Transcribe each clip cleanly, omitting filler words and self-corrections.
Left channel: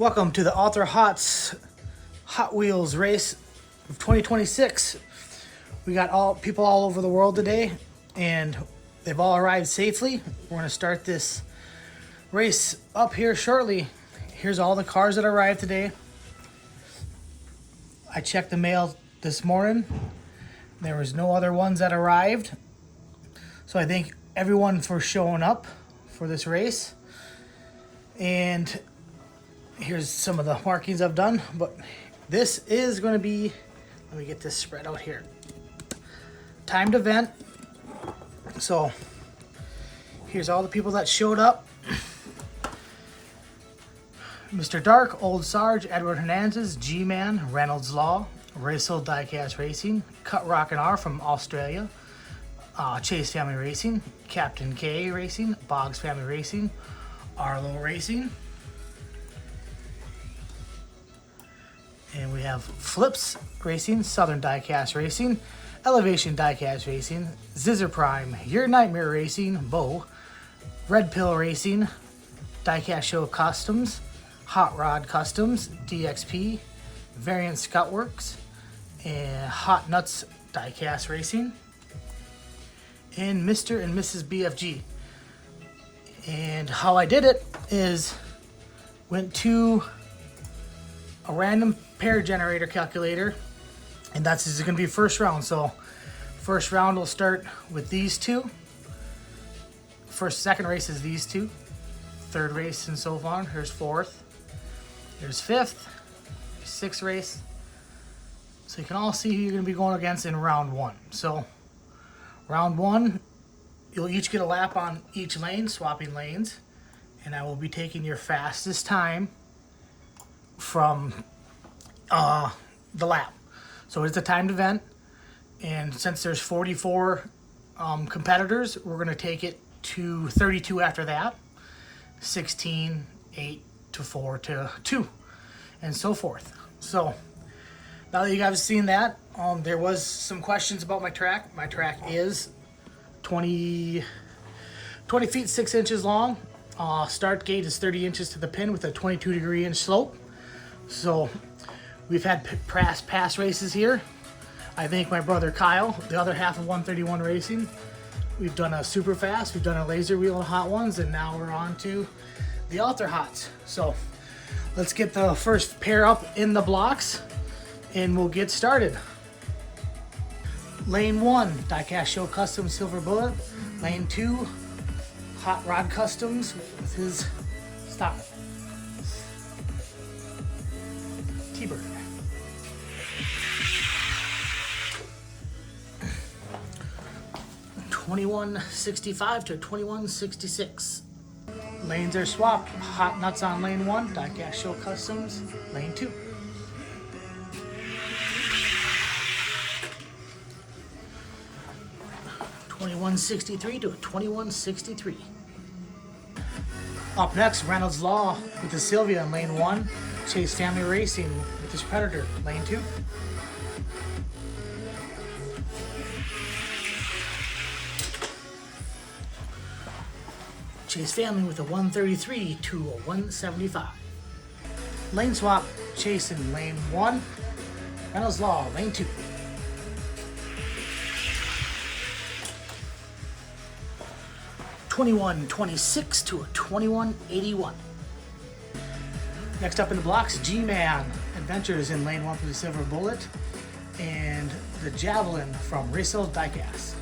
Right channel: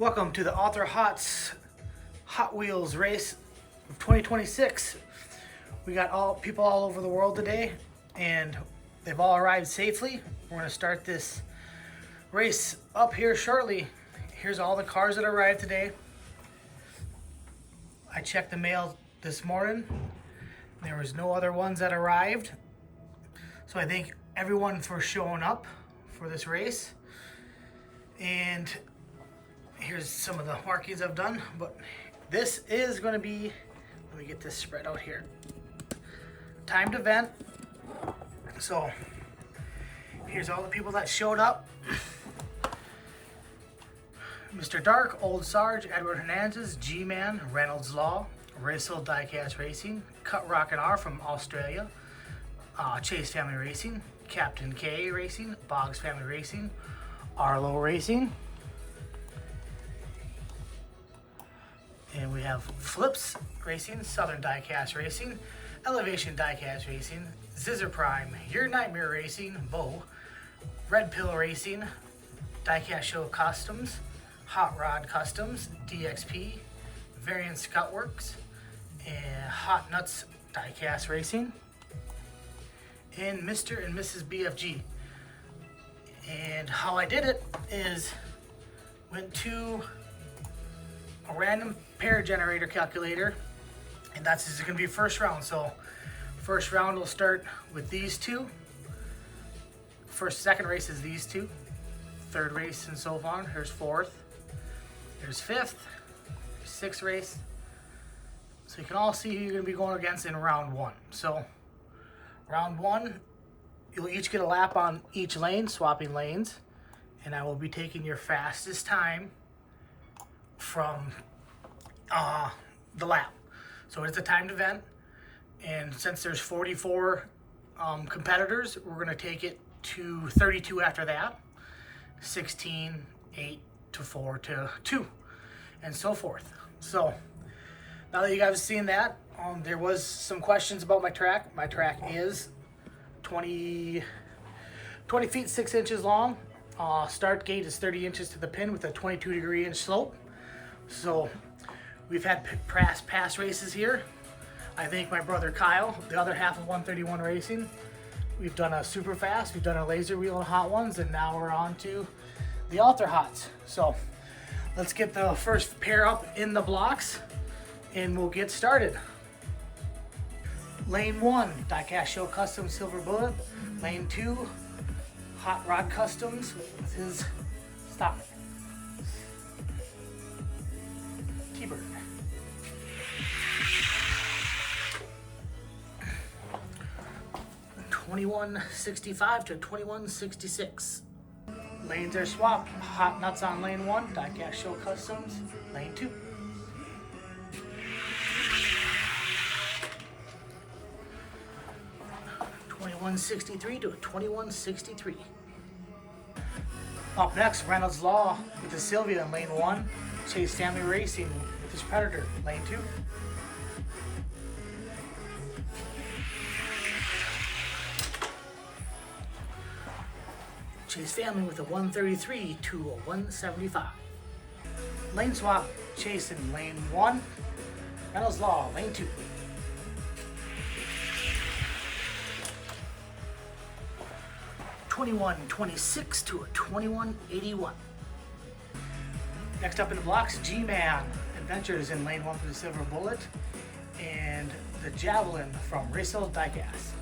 Welcome to the Author Hots Hot Wheels race of 2026. We got people all over the world today, and they've all arrived safely. We're going to start this race up here shortly. Here's all the cars that arrived today. I checked the mail this morning. There was no other ones that arrived. So I thank everyone for showing up for this race. And here's some of the markings I've done, but this is going to be, let me get this spread out here, timed event. So here's all the people that showed up. Mr. Dark, Old Sarge, Edward Hernandez, G-Man, Reynolds Law, Racel Diecast Racing, Cut Rock and R from Australia, Chase Family Racing, Captain K Racing, Boggs Family Racing, Arlo Racing. And we have Flips Racing, Southern Diecast Racing, Elevation Diecast Racing, Zizzer Prime, Your Nightmare Racing, Bo, Red Pill Racing, Diecast Show Customs, Hot Rod Customs, DXP, Variant Scout Works, and Hot Nuts Diecast Racing, and Mr. and Mrs. BFG. And how I did it is went to a random pair generator calculator, and this is going to be first round. So first round will start with these two. Second race is these two. Third race and so on. Here's fourth. Here's fifth. Sixth race. So you can all see who you're going to be going against in round one. So round one, you'll each get a lap on each lane, swapping lanes, and I will be taking your fastest time from the lap. So it's a timed event, and since there's 44 competitors, we're going to take it to 32 after that, 16, 8 to 4 to 2, and so forth. So now that you guys have seen that, there was some questions about my track. My track is 20 feet 6 inches long. Start gate is 30 inches to the pin with a 22-degree inch slope. So we've had past races here. I thank my brother Kyle, the other half of 131 Racing. We've done a super fast, we've done a laser wheel and hot ones, and now we're on to the Author Hots. So let's get the first pair up in the blocks and we'll get started. Lane 1, Diecast Show Customs Silver Bullet. Lane 2, Hot Rod Customs with his stock T-Bird. $21.65 to $21.66. Lanes are swapped. Hot Nuts on lane 1, Diecast Show Customs lane 2. $21.63 to $21.63. Up next, Reynolds Law with the Sylvia in lane 1. Chase Family Racing with his Predator, lane 2. Chase Family with a 133 to a 175. Lane swap, Chase in lane 1. Reynolds Law, lane 2. $21.26 to a $21.81. Next up in the blocks, G-Man Adventures in lane 1 for the Silver Bullet, and the Javelin from Racel Diecast.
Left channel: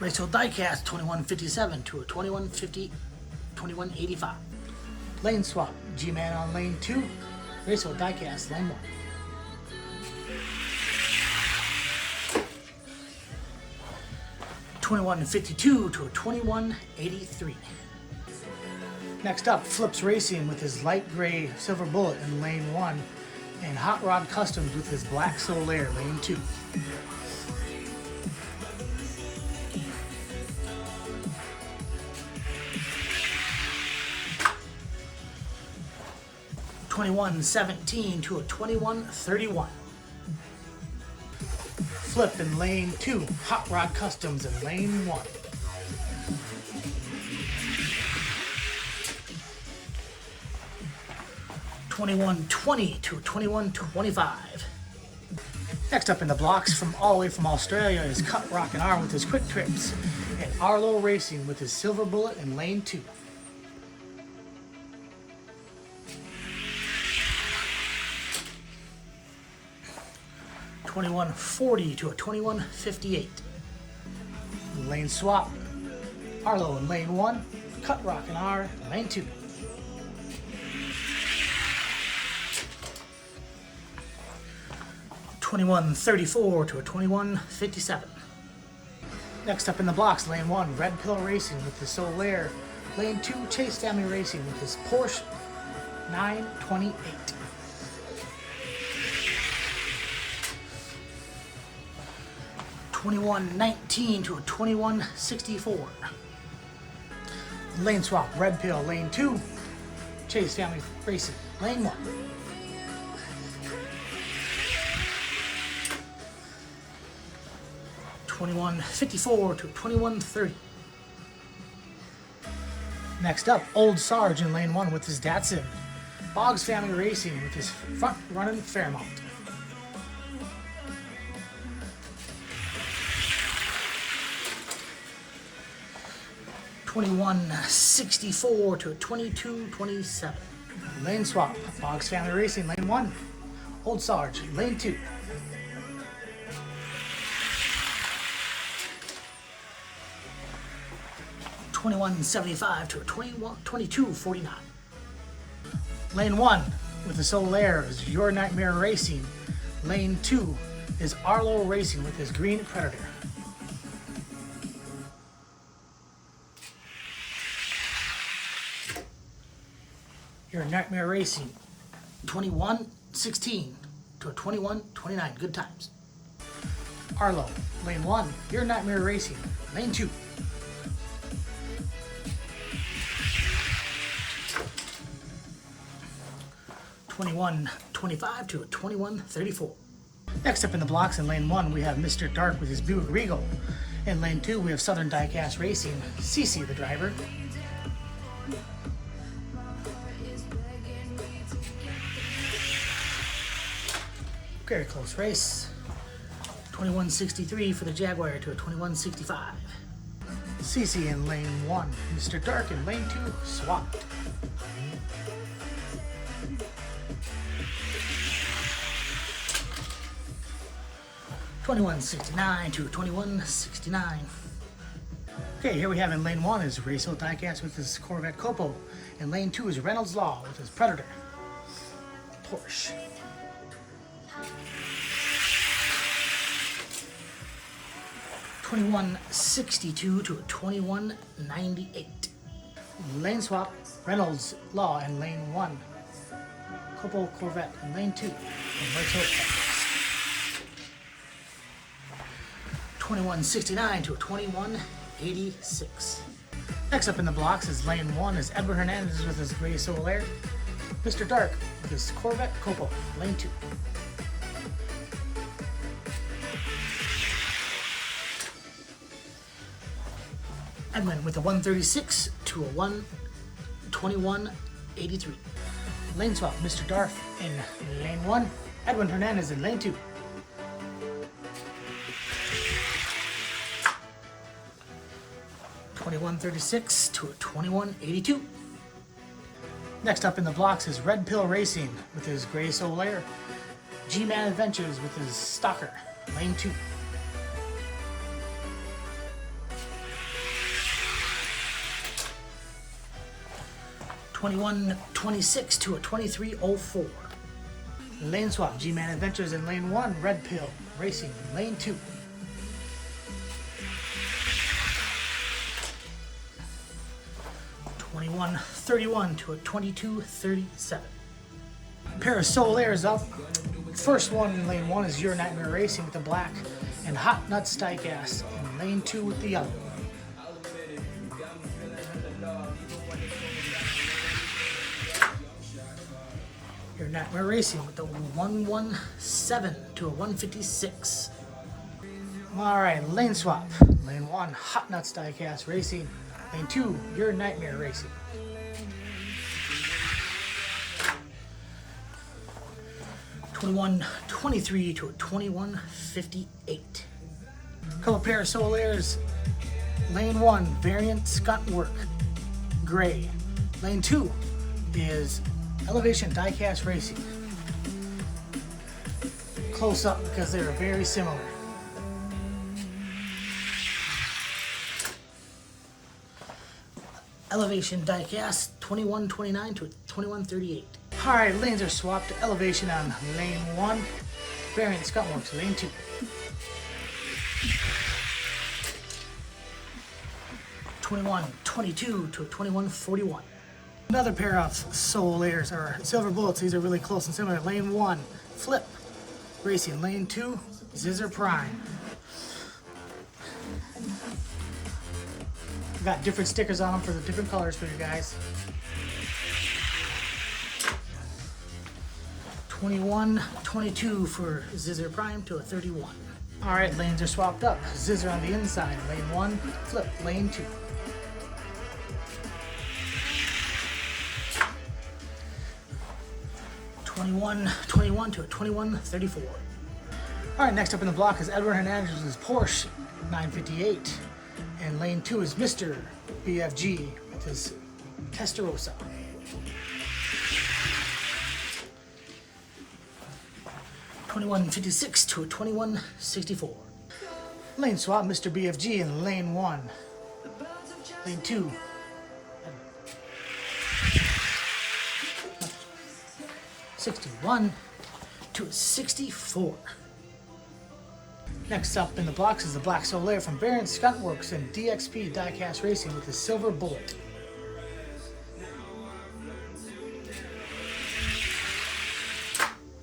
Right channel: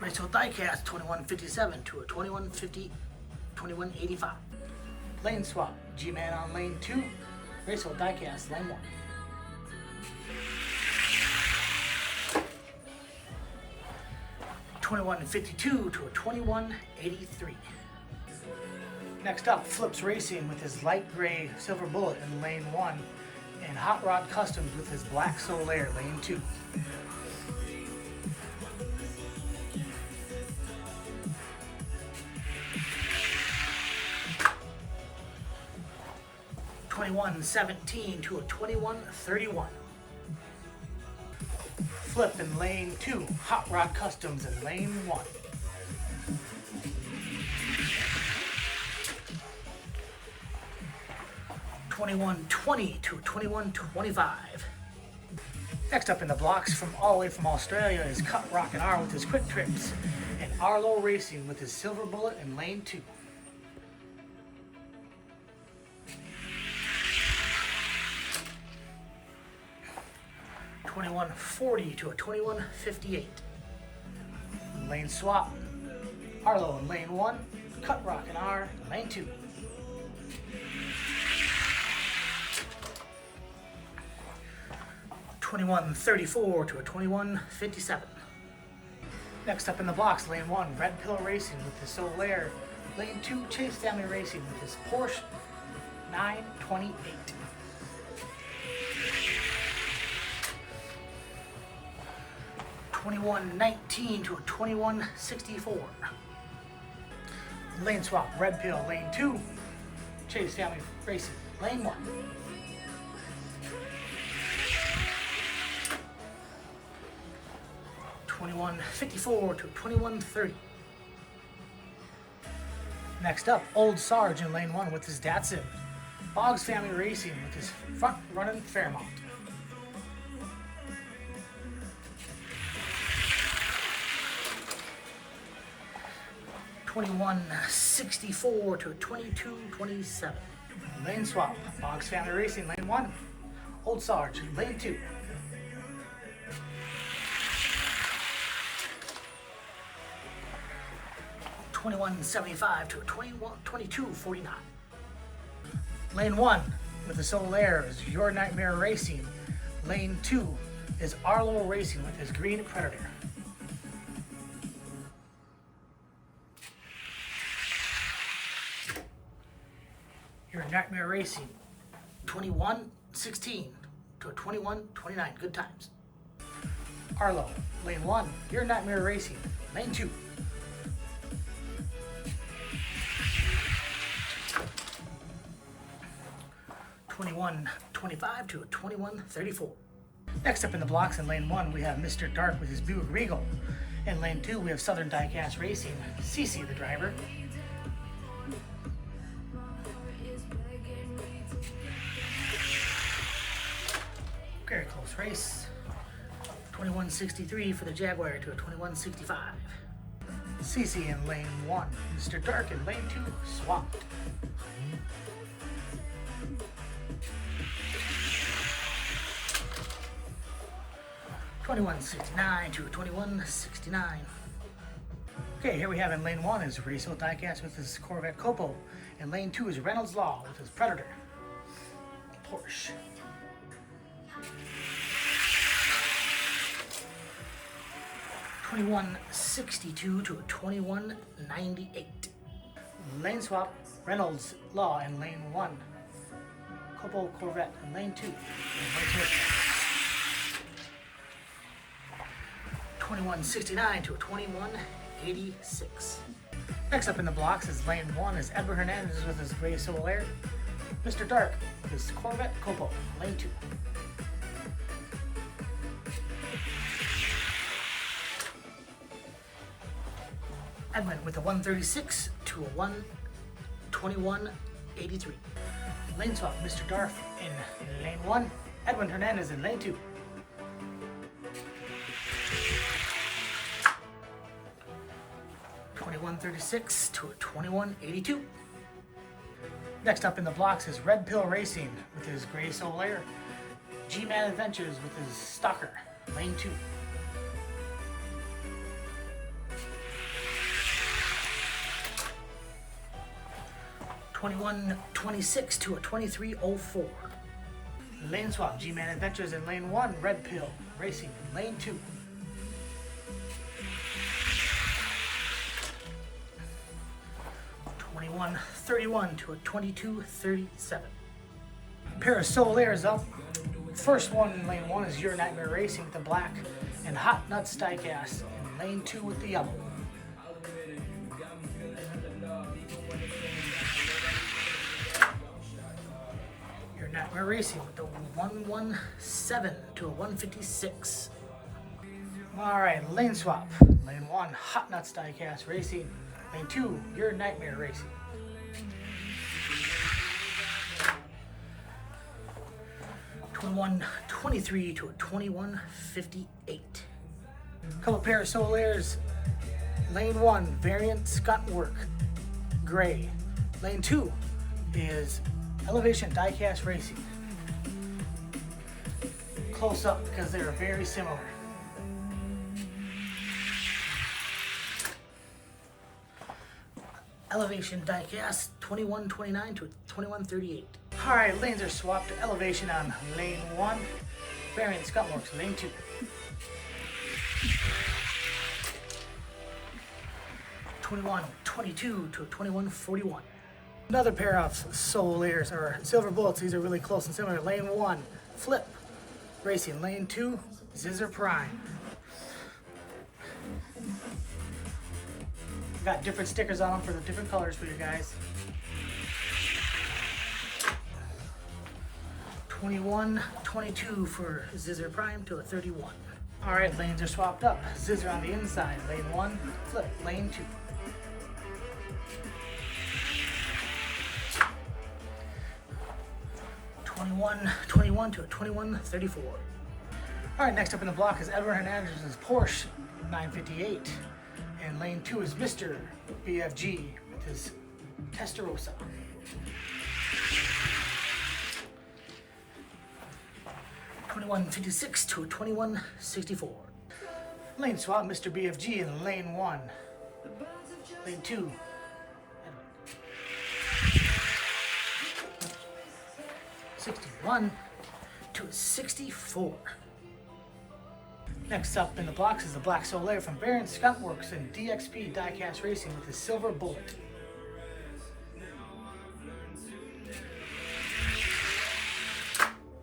Racel Diecast $21.57 to a $21.85. Lane swap, G-Man on lane 2, Racel Diecast lane 1. $21.52 to a $21.83. Next up, Flips Racing with his light gray Silver Bullet in lane 1, and Hot Rod Customs with his black Solaire lane 2. $21.17 to a $21.31. Flip in lane 2. Hot Rod Customs in lane 1. $21.20 to $21.25. Next up in the blocks from all the way from Australia is Cut Rockin' R with his quick trips, and Arlo Racing with his Silver Bullet in lane 2. $21.40 to a $21.58. Lane swap. Arlo in lane 1, Cut Rockin' R in lane 2. $21.34 to a $21.57. Next up in the blocks, lane 1, Red Pill Racing with the Solaire. Lane 2, Chase Family Racing with his Porsche 928. $21.19 to a $21.64. Lane swap, Red Pill, lane 2, Chase Family Racing, lane 1. $21.54 to $21.30. Next up, Old Sarge in lane 1 with his Datsun. Boggs Family Racing with his front running Fairmont. $21.64 to $22.27. Lane swap, Boggs Family Racing, lane 1. Old Sarge, lane 2. $21.75 to $22.49. Lane 1 with the Solaire is Your Nightmare Racing. Lane 2 is Arlo Racing with his Green Predator. Your Nightmare Racing, $21.16 to a $21.29. Good times. Arlo, lane 1, Your Nightmare Racing. Lane 2. $21.25 to a $21.34. Next up in the blocks in lane 1, we have Mr. Dark with his Buick Regal. In lane 2, we have Southern Diecast Racing, CC the driver. Very close race. $21.63 for the Jaguar to a $21.65. CC in lane 1, Mr. Dark in lane 2, swapped. $21.69 to $21.69. Okay, here we have in lane 1 is Racehill Diecast with his Corvette Copo. In lane 2 is Reynolds Law with his Predator Porsche. $21.62 to a $21.98. Lane swap, Reynolds Law in lane 1. Copo Corvette in lane 2. $21.69 to a $21.86. Next up in the blocks is lane 1 is Edward Hernandez with his Gray Solaire. Mr. Dark with his Corvette Copo, lane 2. Edmund with a 136 to a 121.83. Lane swap, Mr. Darth in lane 1. Edwin Hernandez in lane 2. $21.36 to a $21.82. Next up in the blocks is Red Pill Racing with his Gray Solaire. G-Man Adventures with his Stalker, lane 2. $21.26 to a $23.04. Lane swap, G-Man Adventures in lane 1, Red Pill Racing in lane 2. $21.31 to a $22.37. Pair of Solaires up. First one in lane 1 is Your Nightmare Racing with the black, and Hot Nuts Diecast in lane 2 with the yellow. Your Nightmare Racing with the 117 to a 156. All right, lane swap. Lane 1, Hot Nuts Diecast Racing. Lane 2, Your Nightmare Racing. $21.23 to a $21.58. Couple pair of Solaires. Lane 1, Variant Skuntwork Gray. Lane 2 is Elevation Diecast Racing. Close up because they're very similar. Elevation Diecast, $21.29 to $21.38. All right, lanes are swapped to Elevation on lane 1. Variant Skuntworks, lane 2. $21.22 to $21.41. Another pair of Solaires or Silver Bullets. These are really close and similar. Lane 1, Flip Racing. Lane 2, Zizzer Prime. Got different stickers on them for the different colors for you guys. $21.22 for Zizzer Prime to a 31. All right, lanes are swapped up. Zizzer on the inside, lane 1, Flip, lane 2. $21.21 to a $21.34. All right, next up in the block is Edward Hernandez's Porsche 958. And lane 2 is Mr. BFG with his Testarossa. $21.56 to a $21.64. Lane swap, Mr. BFG in lane 1. Lane 2. $61 to a $64. Next up in the blocks is the Black Solaire from Variant Skuntworks and DXP Diecast Racing with the Silver Bullet.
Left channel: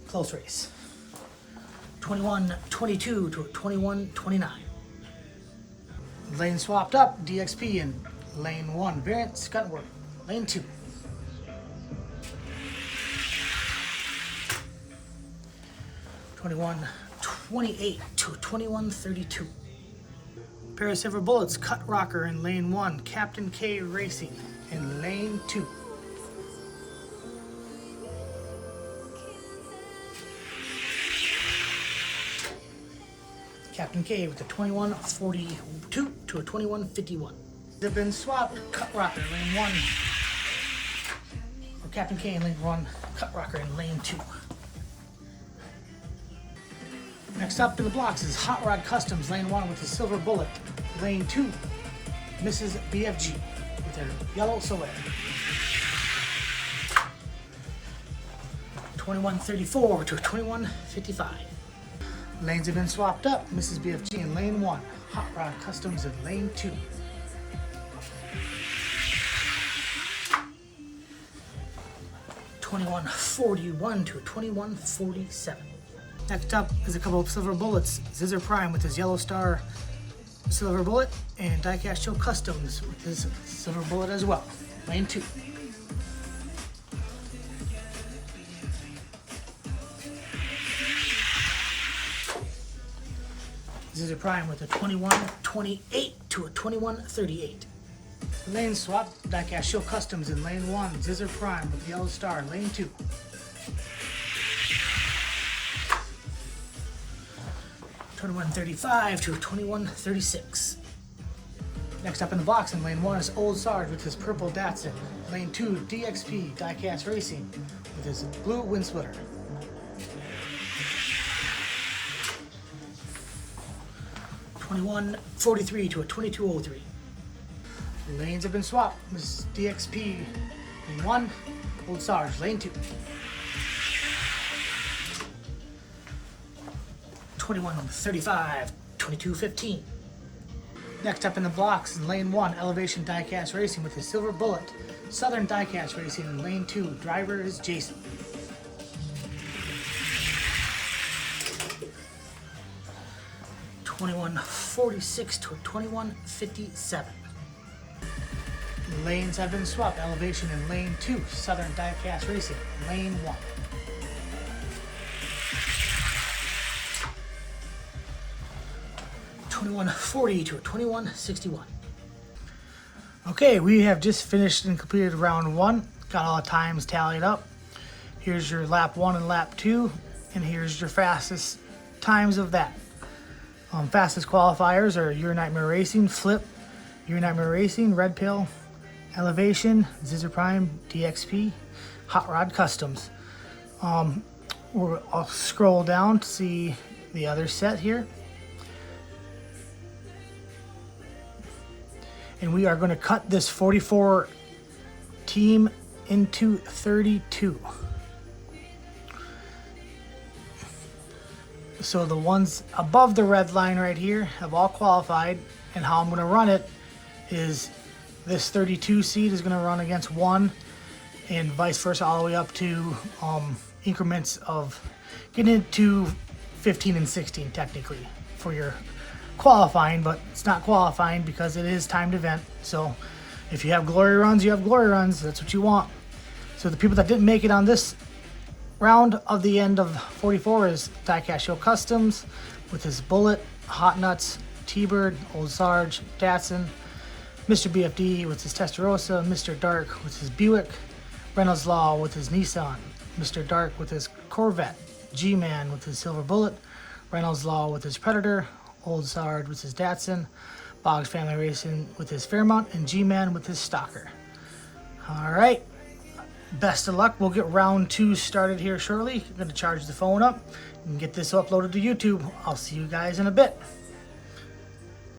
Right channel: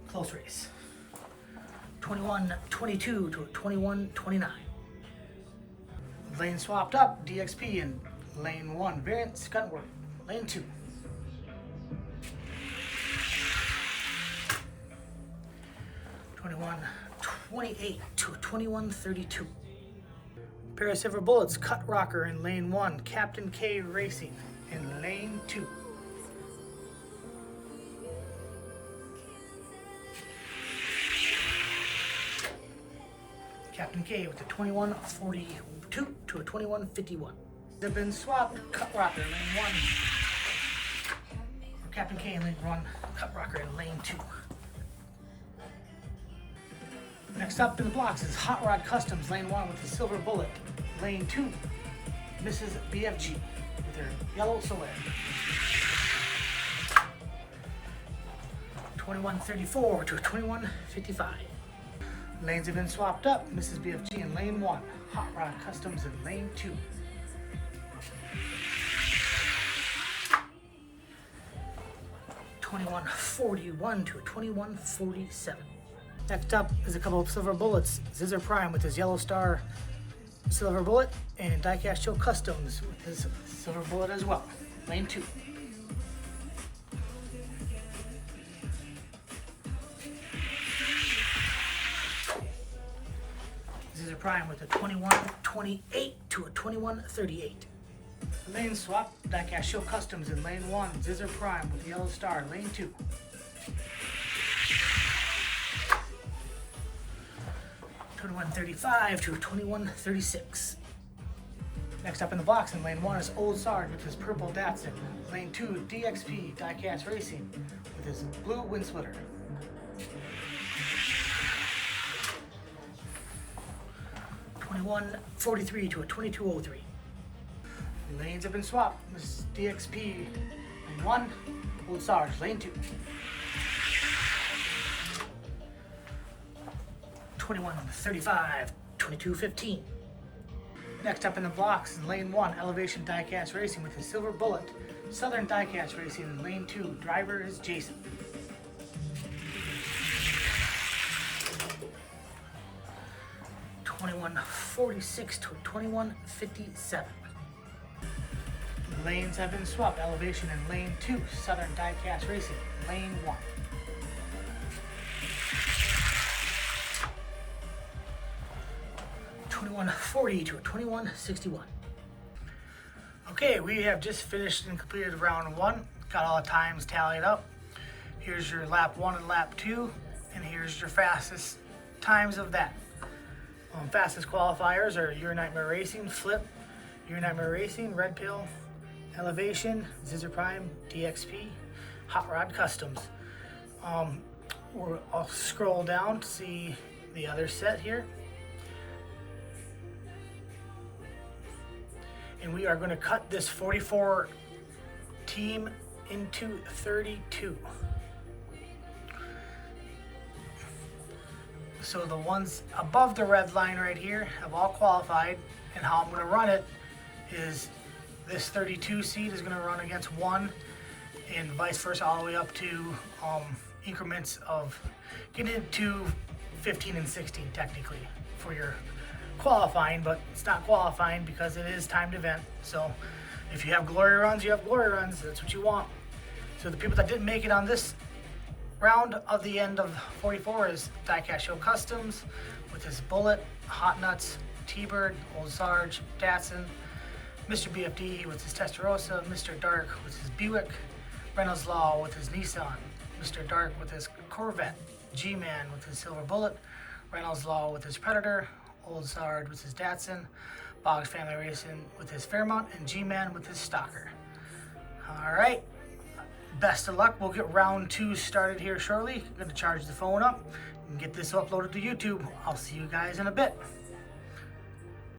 Close race. $21.22 to a $21.29. Lane swapped up, DXP in lane 1, Variant Skuntwork, lane 2. $21.28 to a $21.32. Pair of Silver Bullets, Cut Rocker in lane 1, Captain K Racing in lane 2. Captain K with a $21.42 to a $21.51. They've been swapped, Cut Rocker lane 1. Or Captain K in lane 1, Cut Rocker in lane 2. Next up in the blocks is Hot Rod Customs, lane 1 with the Silver Bullet. Lane 2, Mrs. BFG with her yellow Solaire. $21.34 to $21.55. Lanes have been swapped up. Mrs. BFG in lane 1, Hot Rod Customs in lane 2. $21.41 to $21.47. Next up is a couple of Silver Bullets. Zizzer Prime with his Yellow Star Silver Bullet and Diecast Show Customs with his Silver Bullet as well. Lane 2. Zizzer Prime with a $21.28 to a $21.38. Lane swap, Diecast Show Customs in lane 1. Zizzer Prime with the Yellow Star, lane 2. $21.35 to a $21.36. Next up in the box in lane 1 is Old Sarge with his purple Datsun. Lane 2, DXP Diecast Racing with his blue wind splitter. $21.43 to a $22.03. Lanes have been swapped. This is DXP lane 1, Old Sarge lane 2. $21.35, $22.15. Next up in the blocks in lane 1, Elevation Diecast Racing with the Silver Bullet. Southern Diecast Racing in lane 2. Driver is Jason. $21.46 to a $21.57. Lanes have been swapped. Elevation in lane 2. Southern Diecast Racing, lane 1. 2140 to a 2161. Okay, we have just finished and completed round 1. Got all the times tallied up. Here's your lap 1 and lap 2, and here's your fastest times of that. Fastest qualifiers are Your Nightmare Racing, Flip, Your Nightmare Racing, Red Pill, Elevation, Zizzer Prime, DXP, Hot Rod Customs. I'll scroll down to see the other set here. And we are going to cut this 44 team into 32. So the ones above the red line right here have all qualified, and how I'm going to run it is this 32 seed is going to run against 1, and vice versa all the way up to increments of getting into 15 and 16 technically for your qualifying, but it's not qualifying because it is timed event. So if you have glory runs, you have glory runs. That's what you want. So the people that didn't make it on this round of the end of 44 is Diecast Show Customs with his Bullet, Hot Nuts, T-Bird, Old Sarge, Datsun, Mr. BFD with his Testarossa, Mr. Dark with his Buick, Reynolds Law with his Nissan, Mr. Dark with his Corvette, G-Man with his Silver Bullet, Reynolds Law with his Predator, Old Sarge with his Datsun, Boggs Family Racing with his Fairmont, and G-Man with his Stalker. Alright, best of luck. We'll get round 2 started here shortly. I'm going to charge the phone up and get this uploaded to YouTube. I'll see you guys in a bit.